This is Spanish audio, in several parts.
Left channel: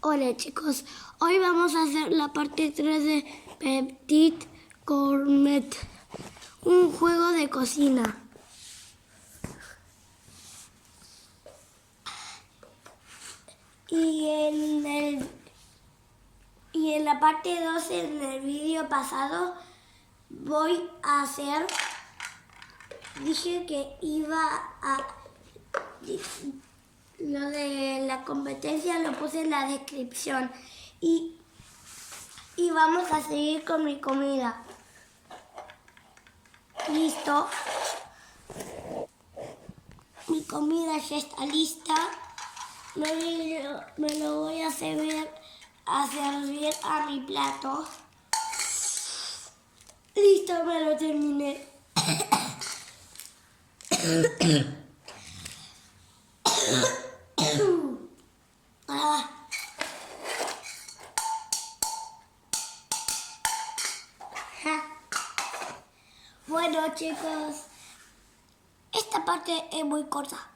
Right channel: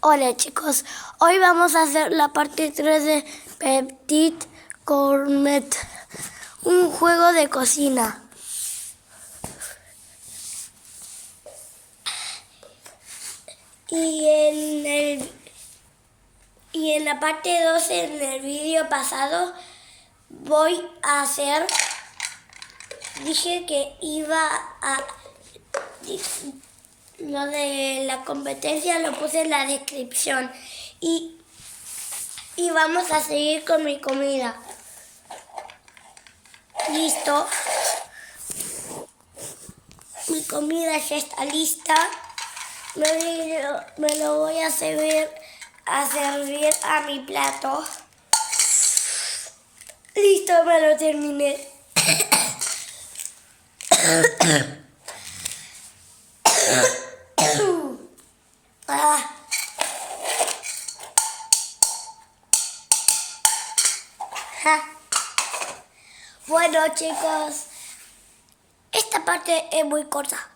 Hola chicos, hoy vamos a hacer la parte 3 de Petit Gourmet, un juego de cocina. Y en la parte 2, en el vídeo pasado, voy a hacer... Dije que iba a... Lo de la competencia lo puse en la descripción. Y vamos a seguir con mi comida. Listo. Mi comida ya está lista. Me lo voy a servir a mi plato. Listo, me lo terminé. Bueno chicos, esta parte es muy corta.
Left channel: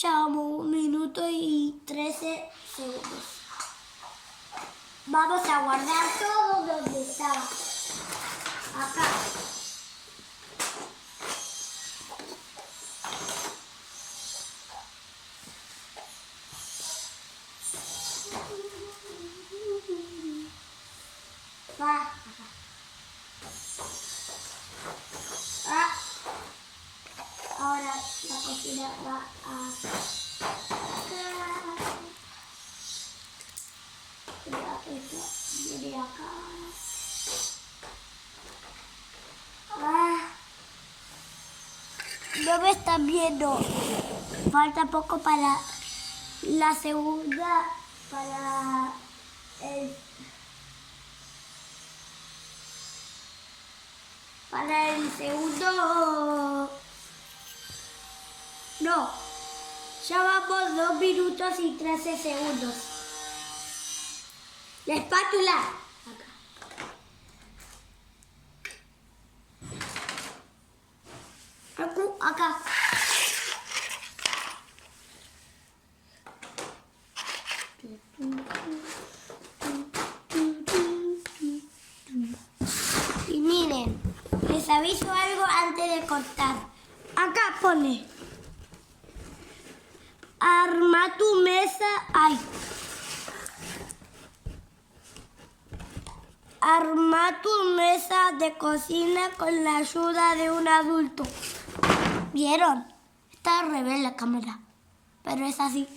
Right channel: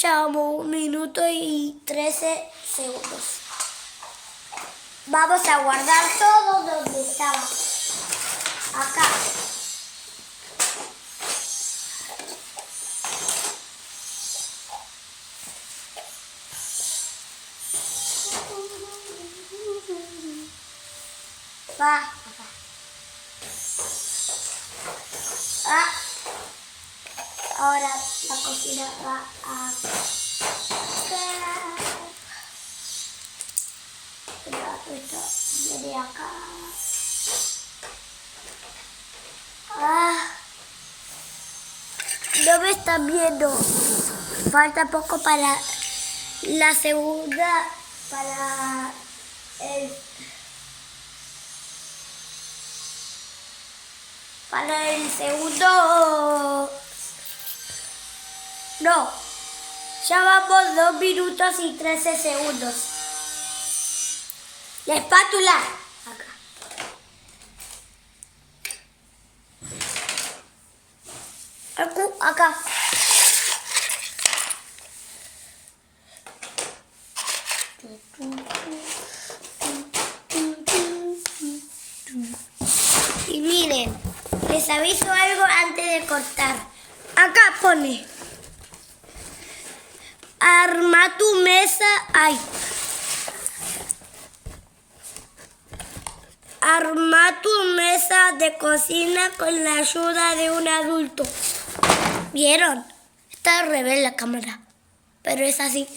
Llevamos 1 minuto y 13 segundos. Vamos a guardar todo donde estaba. Acá. Va. Acá. Ahora la cocina va a esto viene acá. No me están viendo. Falta poco para la segunda, para el segundo. No, ya vamos 2 minutos y 13 segundos. La espátula. Acá. Acá. Y miren, les aviso algo antes de cortar. Acá pone: arma tu mesa. Arma tu mesa de cocina con la ayuda de un adulto. ¿Vieron? Está al revés la cámara, pero es así.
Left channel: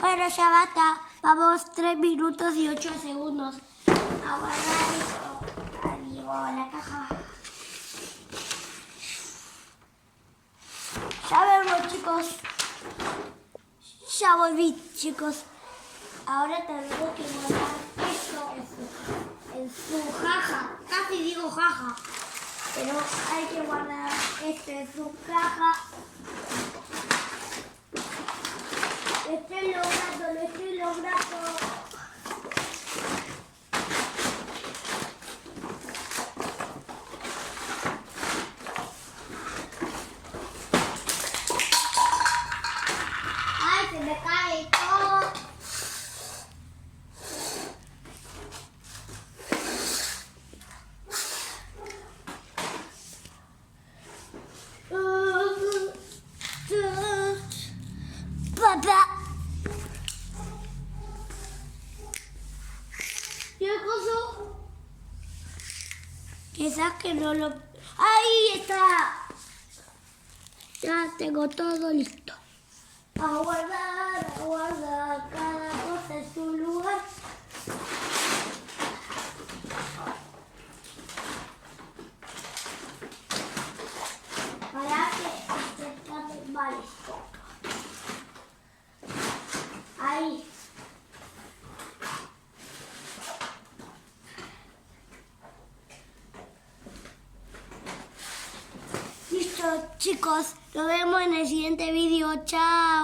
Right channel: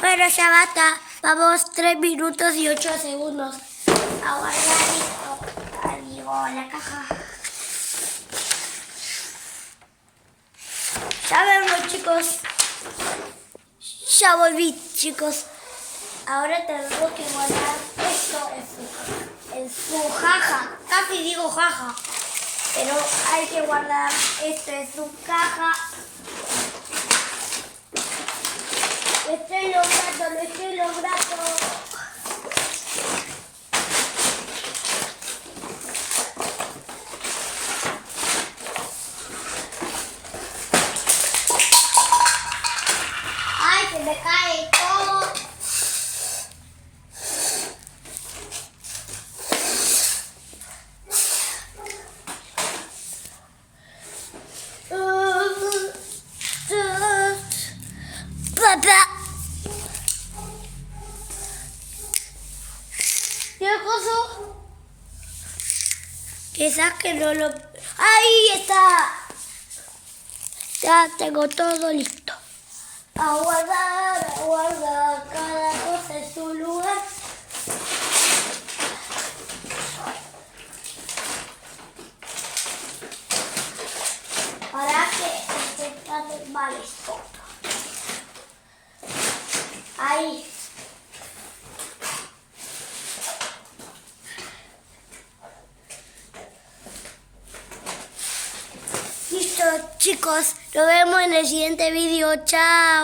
Pero ya basta. Vamos 3 minutos y 8 segundos. A guardar esto. Adiós, la caja. Ya vemos, chicos. Ya volví, chicos. Ahora tengo que guardar esto en su caja. Casi digo jaja. Pero hay que guardar esto en su caja. Lo estoy logrando. ¡Ay, se me cae todo! ¡Papá! ¿Qué cosa? Quizás que no lo... ¡Ahí está! Ya tengo todo listo. A guardar cada cosa en su lugar. Para que esté tan mal esto. Ahí. Listo, chicos. Nos vemos en el siguiente vídeo. Chao.